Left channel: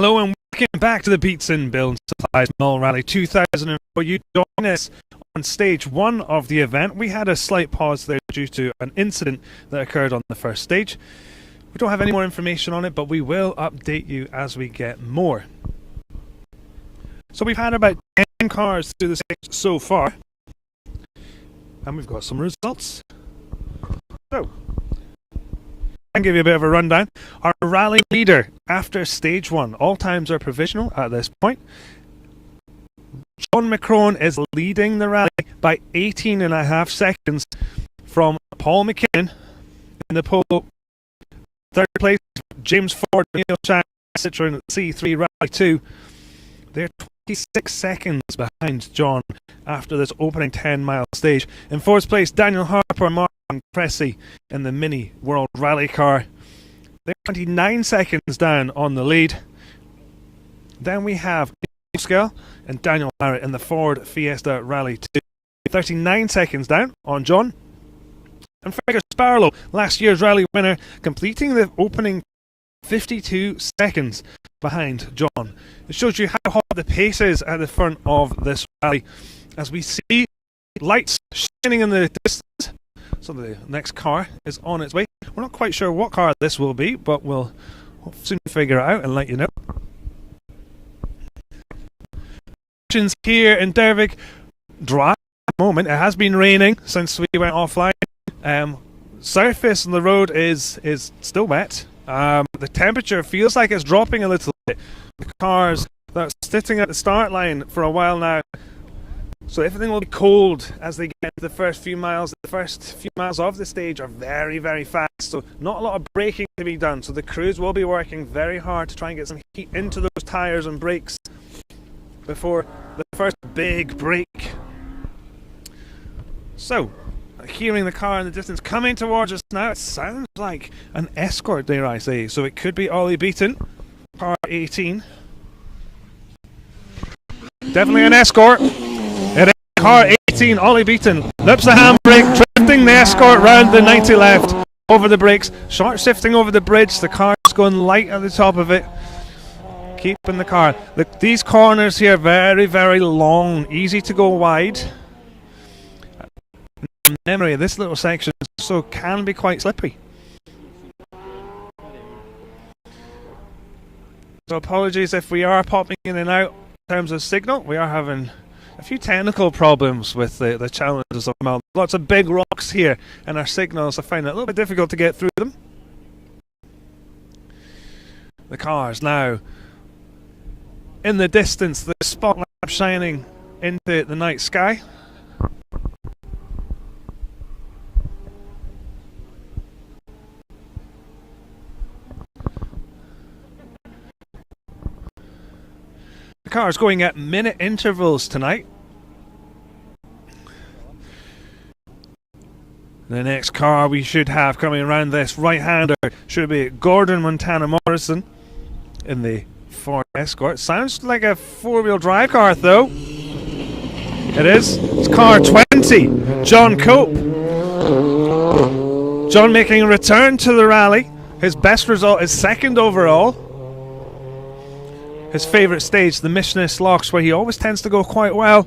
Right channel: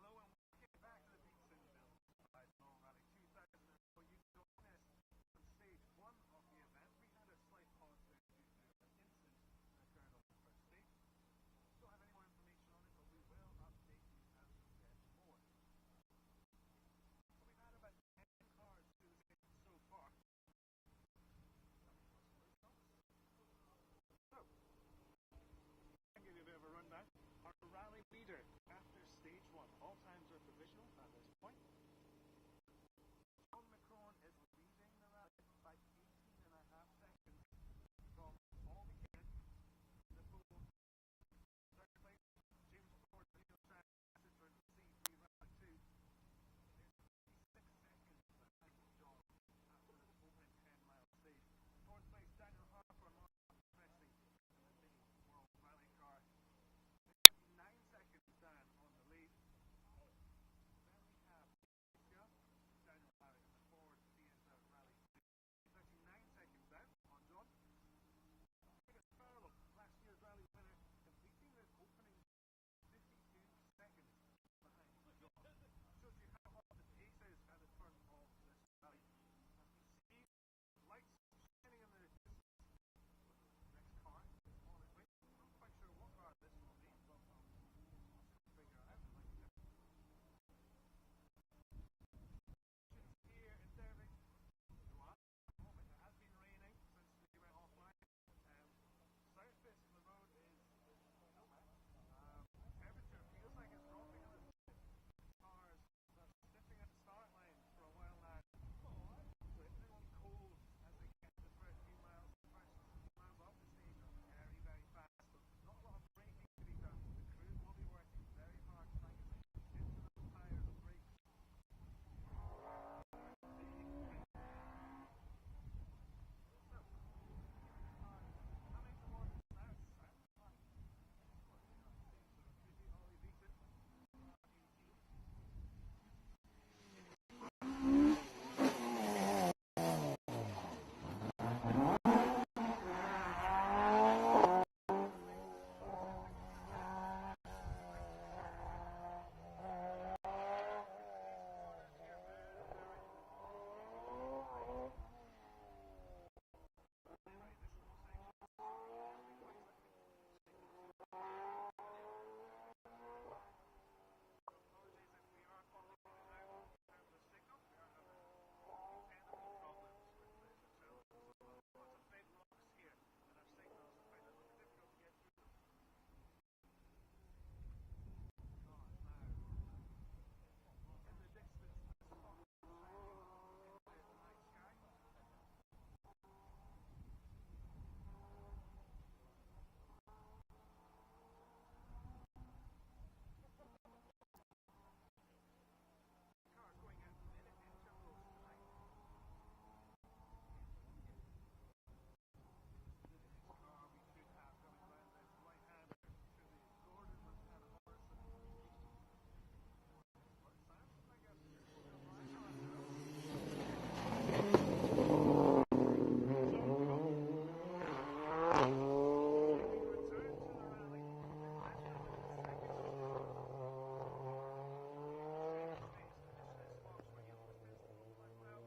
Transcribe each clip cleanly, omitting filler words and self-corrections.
Hello and welcome back to the Beats and Build Supplies Mull Rally 2004. You join us on stage one of the event. We had a slight pause there due to an incident that occurred on the first stage. We don't have any more information on it, but we will update you as we get more. So we've had about 10 cars through the stage so far, and we've got some results. So, I'll give you a bit of a rundown. Our rally leader after stage one, all times are provisional at this point. John McCrone is leading the rally by 18.5 seconds from Paul McKinnon in the pole. Third place, James Ford, Neil Chang, Citroen C3 Rally 2. They're 26 seconds behind John after this opening 10-mile stage. In fourth place, Daniel Harper, Mark Cressy in the Mini World Rally car. They're 29 seconds down on the lead. Then we have Scale and Daniel Barrett in the Ford Fiesta Rally 2. 39 seconds down on John. And Fergus Barlow, last year's rally winner, completing the opening 52 seconds behind John. It shows you how hot the pace is at the front of this rally as we see lights shining in the distance. So the next car is on its way. We're not quite sure what car this will be, but we'll soon figure it out and let you know. Here in Dervig, dry at the moment. It has been raining since we went offline. Surface on the road is still wet. The temperature feels like it's dropping a little bit. The cars that are sitting at the start line for a while now, so everything will be cold as they get into the first few miles. The first few miles of the stage are very, very fast, so not a lot of braking to be done. So the crews will be working very hard to try and get some heat into those tyres and brakes before the first big break. So, hearing the car in the distance coming towards us now, it sounds like an Escort, dare I say. So it could be Ollie Beaton, car 18. Definitely an Escort. It is car 18, Ollie Beaton. Lips the handbrake, drifting the Escort round the 90 left, over the brakes, short shifting over the bridge. The car is going light at the top of it. Keeping the car. These corners here very, very long, easy to go wide. Memory, this little section so can be quite slippy. So apologies if we are popping in and out in terms of signal. We are having a few technical problems with the challenges of Mull. Lots of big rocks here, and our signals I find it a little bit difficult to get through them. The cars now in the distance, the spotlight shining into the night sky. The car is going at minute intervals tonight. The next car we should have coming around this right-hander should be Gordon Montana Morrison in the Ford Escort. Sounds like a four-wheel drive car though. It is. It's car 20, John Cope. John making a return to the rally. His best result is second overall. His favourite stage, the Missionist Locks, where he always tends to go quite well.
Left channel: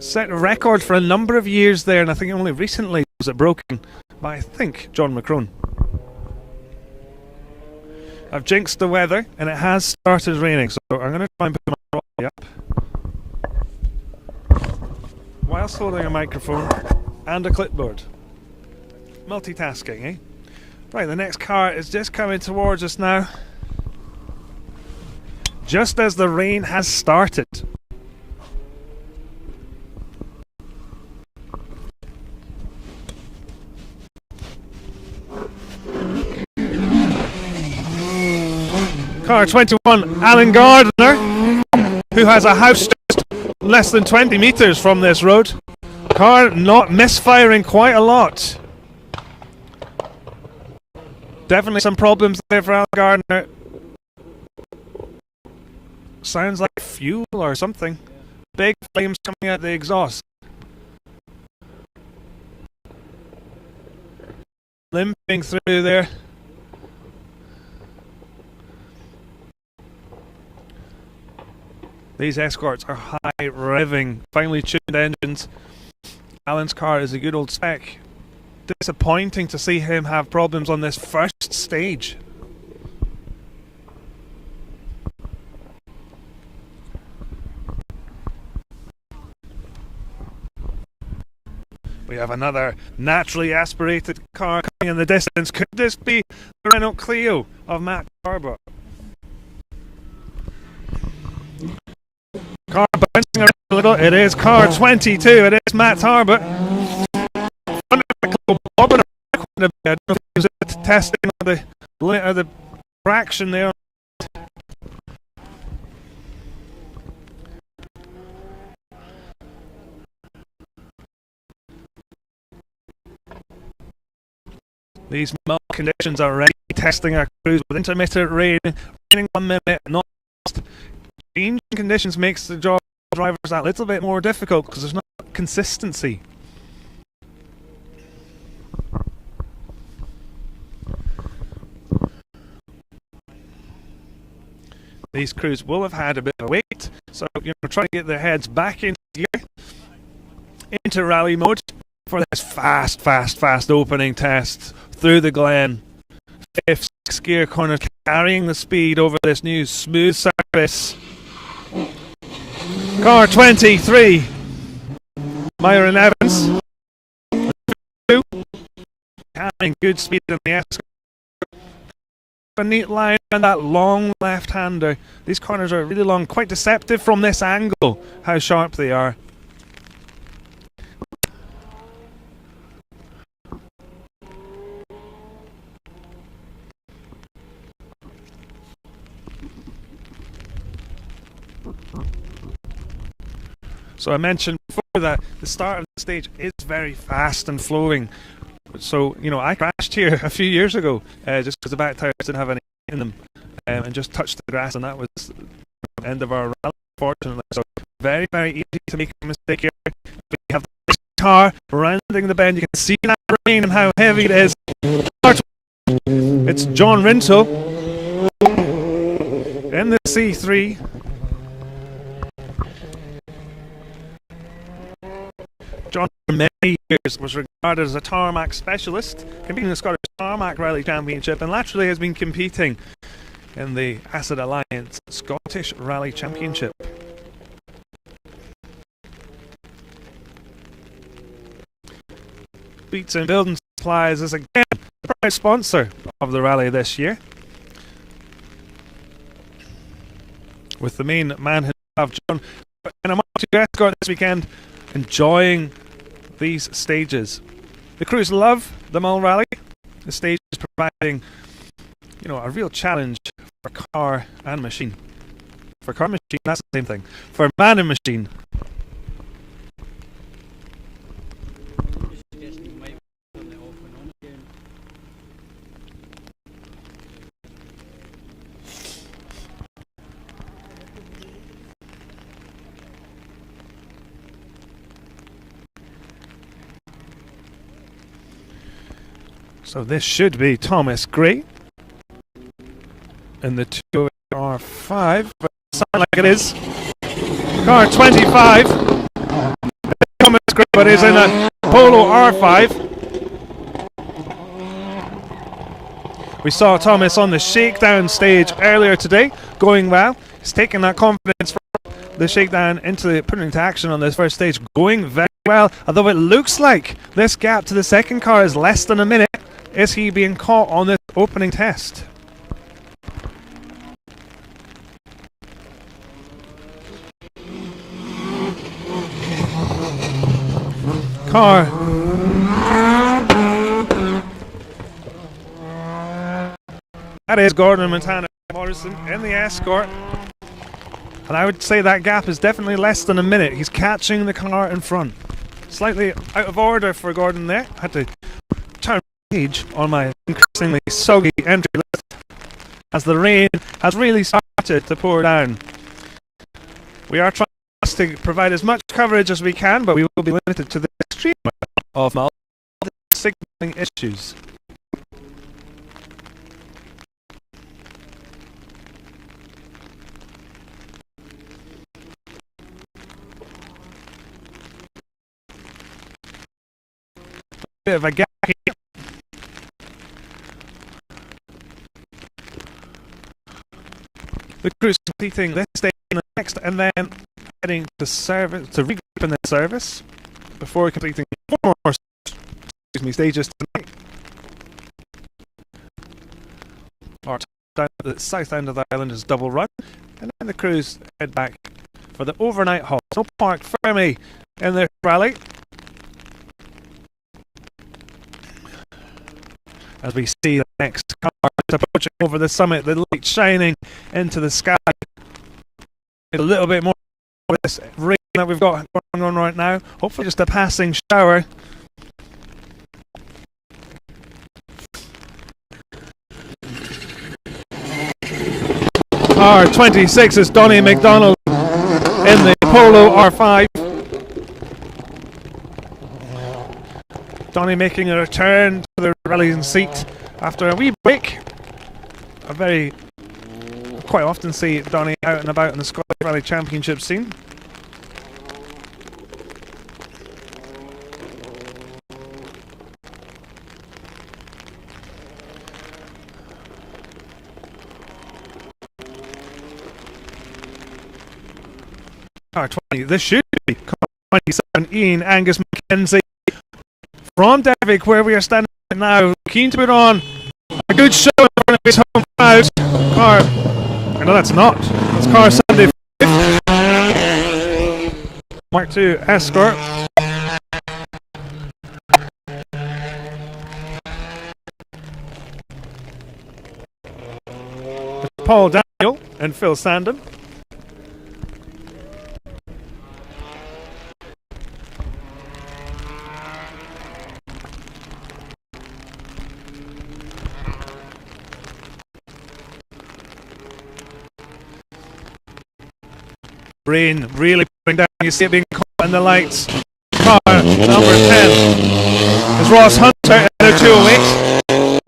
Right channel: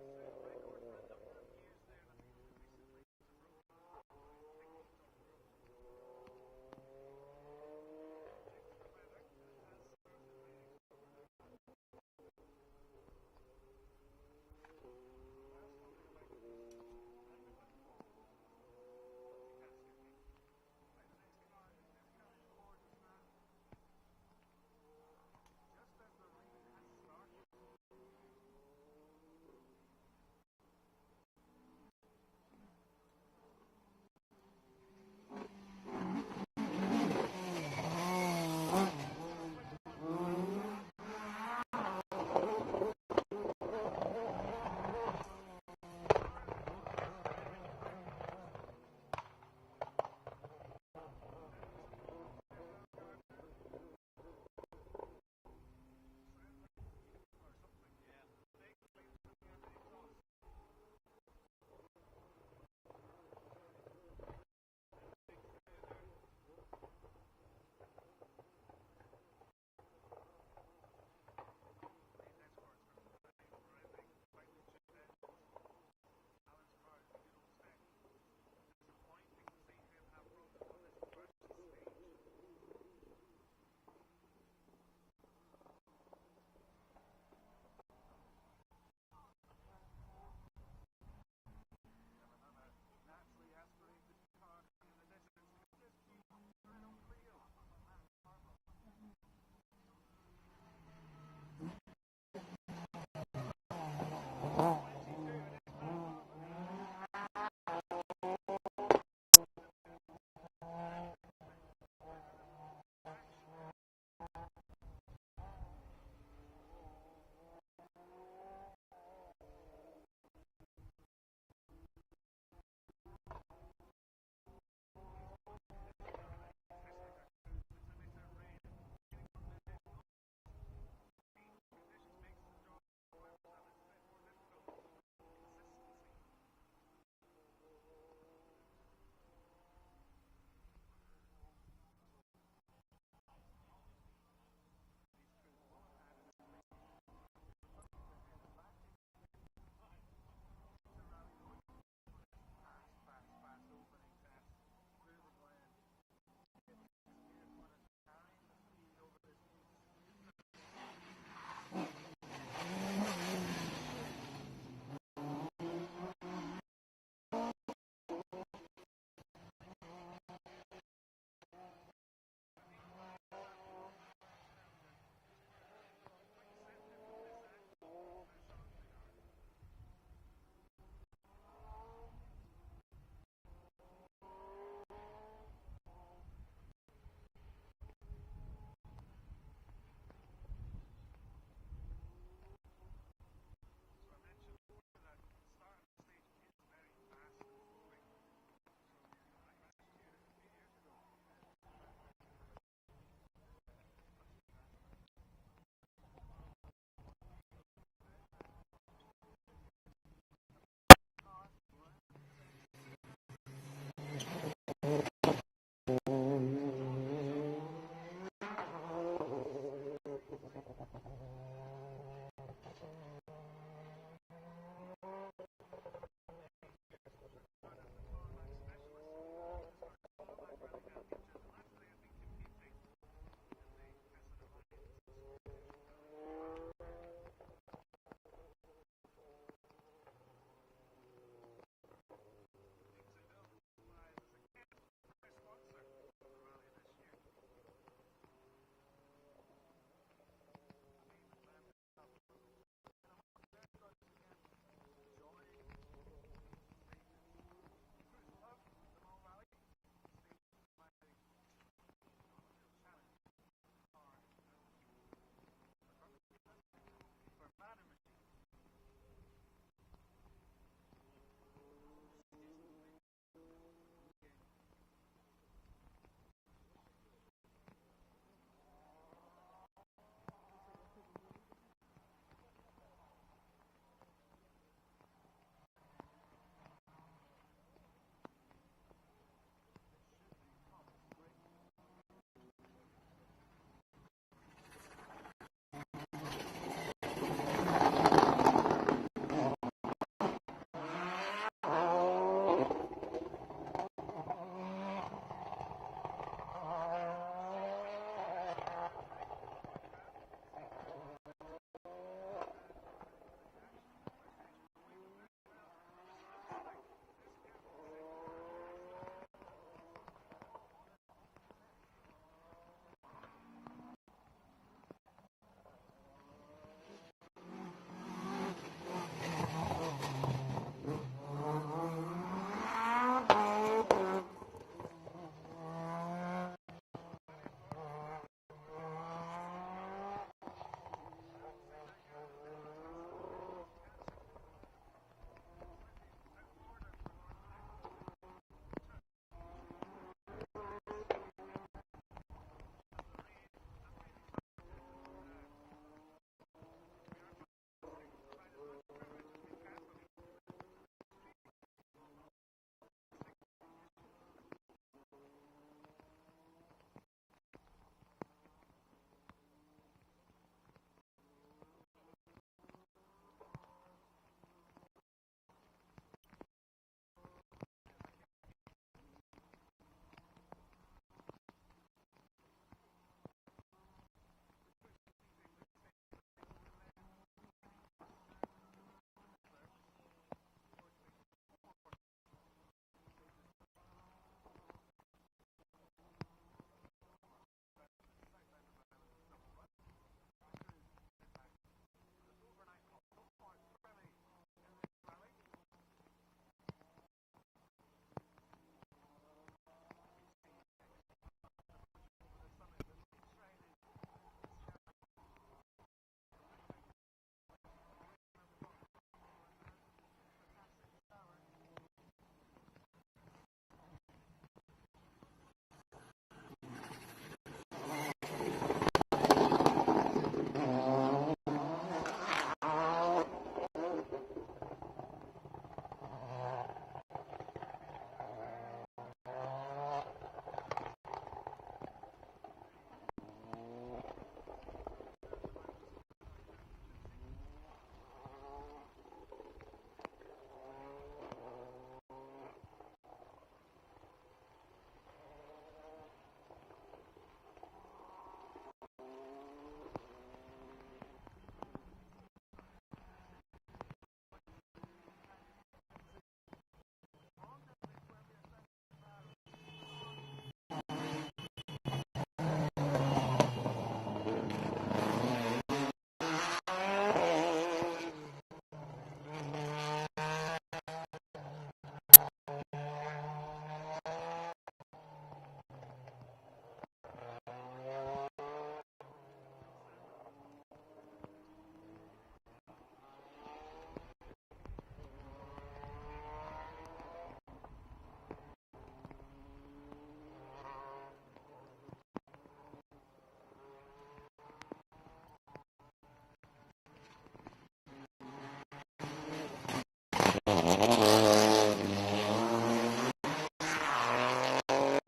Set a record for a number of years there, and I think only recently was it broken by, I think, John McCrone. I've jinxed the weather, and it has started raining, so I'm going to try and put my trolley up whilst holding a microphone and a clipboard. Multitasking, eh? Right, the next car is just coming towards us now, just as the rain has started. Car 21, Alan Gardner, who has a house just less than 20 metres from this road. Car not misfiring quite a lot. Definitely some problems there for Alan Gardner. Sounds like fuel or something. Big flames coming out the exhaust. Limping through there. These escorts are high revving, finely tuned engines. Alan's car is a good old spec. Disappointing to see him have problems on this first stage. We have another naturally aspirated car coming in the distance. Could this be the Renault Clio of Matt Garbutt? Car bouncing around a little. It is car 22. It is Matt Garbutt. I don't know if he was testing the traction there. These Mull conditions are already testing our crews with intermittent rain, raining 1 minute, not changing conditions makes the job of drivers that little bit more difficult because there's not consistency. These crews will have had a bit of a wait, so try to get their heads back into gear, into rally mode for this fast opening test through the Glen. 5th, 6th gear corner, carrying the speed over this new smooth surface. Car 23, Myron Evans, carrying good speed in the escort. A neat line and that long left-hander. These corners are really long, quite deceptive from this angle, how sharp they are. So I mentioned before that the start of the stage is very fast and flowing. So, I crashed here a few years ago just because the back tires didn't have any in them and just touched the grass, and that was the end of our rally, unfortunately. So very easy to make a mistake here. We have the car rounding the bend. You can see that rain and how heavy it is. It's John Rintoul in the C3. John, for many years, was regarded as a tarmac specialist, competing in the Scottish Tarmac Rally Championship, and laterally has been competing in the Acid Alliance Scottish Rally Championship. Beats and Building Supplies is again the proud sponsor of the rally this year, with the main man himself, John, in a multi escort this weekend, enjoying these stages. The crews love the Mull Rally. The stage is providing, a real challenge for car and machine. For car and machine, that's the same thing. For man and machine. So this should be Thomas Gray in the 2R5, but it sounds like it is. Car 25. Thomas Gray, but is in a Polo R5. We saw Thomas on the shakedown stage earlier today, going well. He's taking that confidence from the shakedown putting into action on this first stage, going very well. Although it looks like this gap to the second car is less than a minute. Is he being caught on this opening test? Car. That is Gordon Montana Morrison in the escort. And I would say that gap is definitely less than a minute. He's catching the car in front. Slightly out of order for Gordon there. Had to turn page on my increasingly soggy entry list as the rain has really started to pour down. We are trying to provide as much coverage as we can, but we will be limited to the extreme of signaling issues. bit of a gap here. The crew's completing this stage and the next, and then heading to service to regroup in the service before completing 4 more stages tonight. Our down at the south end of the island is double run, and then the crews head back for the overnight halt. So Park Fermi in this rally. As we see the next car approaching over the summit, the light shining into the sky. A little bit more of this rain that we've got going on right now. Hopefully just a passing shower. R26 is Donny McDonald in the Polo R5. Donny making a return to the rallying seat after a wee break. Quite often see Donny out and about in the Scottish Rally Championship scene. R20, this should be 27, Ian Angus McKenzie from Devik, where we are standing now, keen to put on a good show in front of his home crowd. No, that's not. That's car Sunday 5th. Mark II Escort. Paul Daniel and Phil Sandon. Rain really putting down. You see it being caught in the lights. Car number 10 is Ross Hunter in a 208.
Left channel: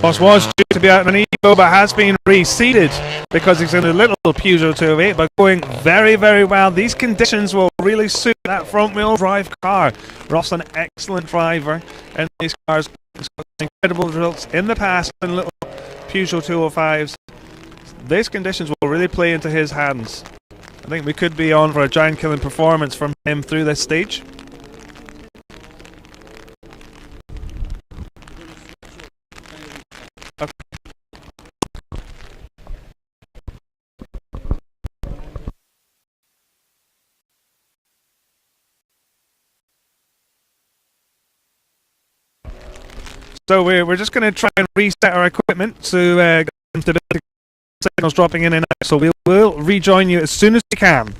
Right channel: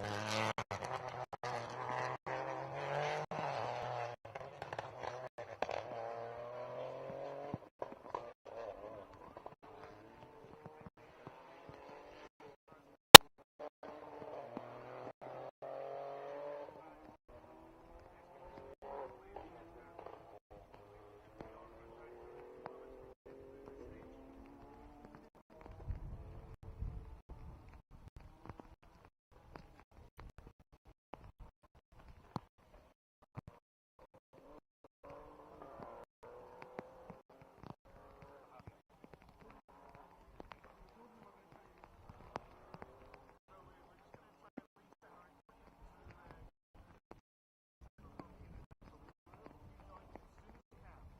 Ross was due to be out in an Evo, but has been reseated because he's in a little Peugeot 208, but going very, very well. These conditions will really suit that front-wheel drive car. Ross, an excellent driver in these cars. He's got incredible results in the past in little Peugeot 205s. These conditions will really play into his hands. I think we could be on for a giant-killing performance from him through this stage. Okay. So we're just going to try and reset our equipment to get some stability. Signals dropping in and out, so we will rejoin you as soon as we can.